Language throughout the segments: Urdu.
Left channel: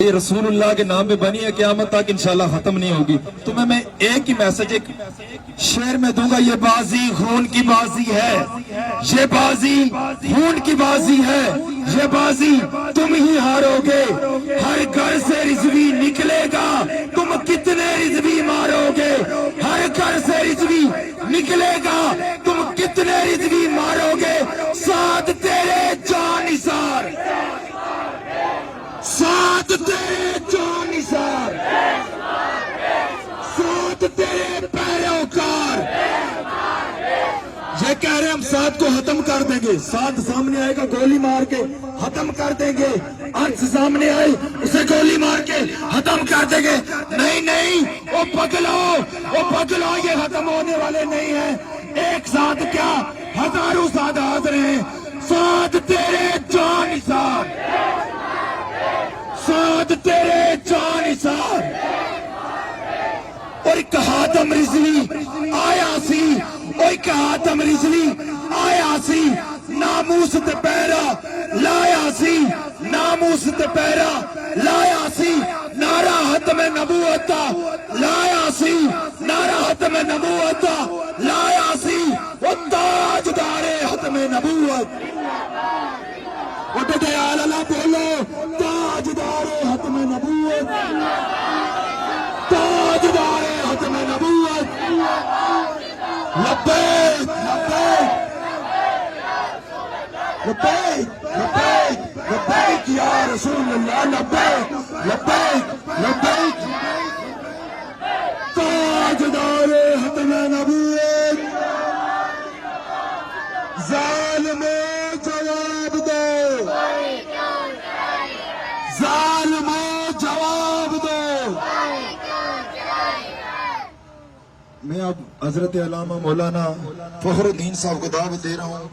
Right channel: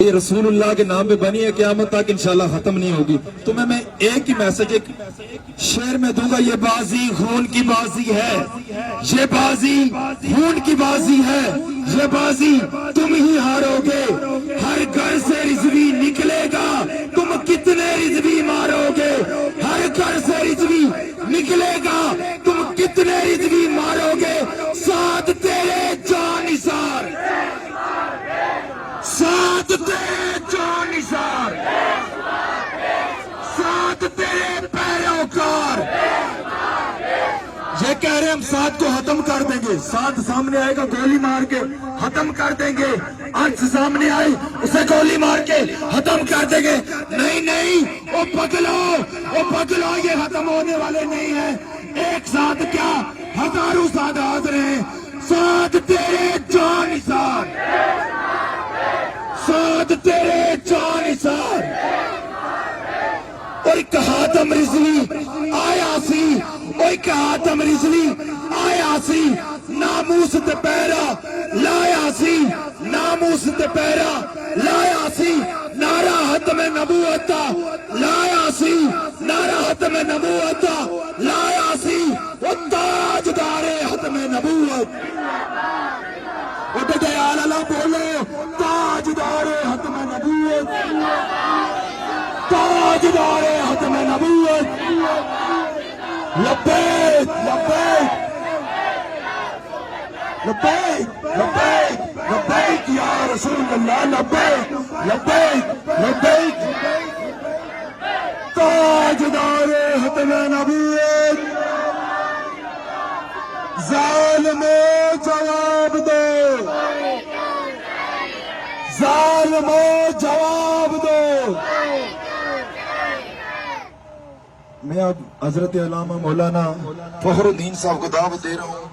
یہ رسول اللہ کے نام پہ بنی ہے، قیامت تک انشاءاللہ ختم نہیں ہوگی۔ تمہیں میں ایک ہی میسج ایک شعر میں دوں گا، یہ بازی خون کی بازی ہے، یہ بازی خون کی بازی ہے، یہ بازی تم ہی ہارو گے، ہر گھر سے رضوی نکلے گا، تم کتنے رضوی مارو گے، ہر گھر سے رضوی نکلے گا، تم کتنے رضوی مارو گے، ساتھ تیرے جان نثار، ساتھ تیرے جان نثار، ساتھ تیرے پیروکار۔ یہ کہہ رہے ہم ساتھ کو ختم کر دیں گے، ساتھ سامنے آئے گا گولی مار کے ختم کر دیں گے، انس سامنے آئی اسے گولی مار کے ختم کر دیں گے۔ نہیں نہیں، وہ پگلو یہ ختم ہونے والے نہیں ہیں، ایک ساتھ کیا ہزاروں ساتھ حاضر ہیں، ساتھ تیرے جان نثار، ساتھ تیرے جان نثار۔ اور ایک حاتم رضوی آیا سی، ایک حاتم رضوی آیا سی، ناموس تے پیرا لایا سی، ناموس تے پیرا لایا سی، نعرہ ختم نبوت لایا سی، نعرہ ختم نبوت لایا سی، وہ تاجدار ختم نبوت، وہ دجال اللہ بولو، تاجدار ختم نبوت، تاجدار ختم نبوت، لبیک لبیک لبیک لبیک لبیک یا رسول اللہ، لبیک لبیک لبیک، تاجدار ختم نبوت۔ ظالم جواب دو، ظالم جواب دو۔ میں اب حضرت علامہ مولانا فخر الدین صاحب کو دعوت دے رہا ہوں،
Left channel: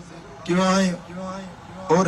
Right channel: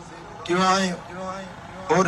کیوں آئیں اور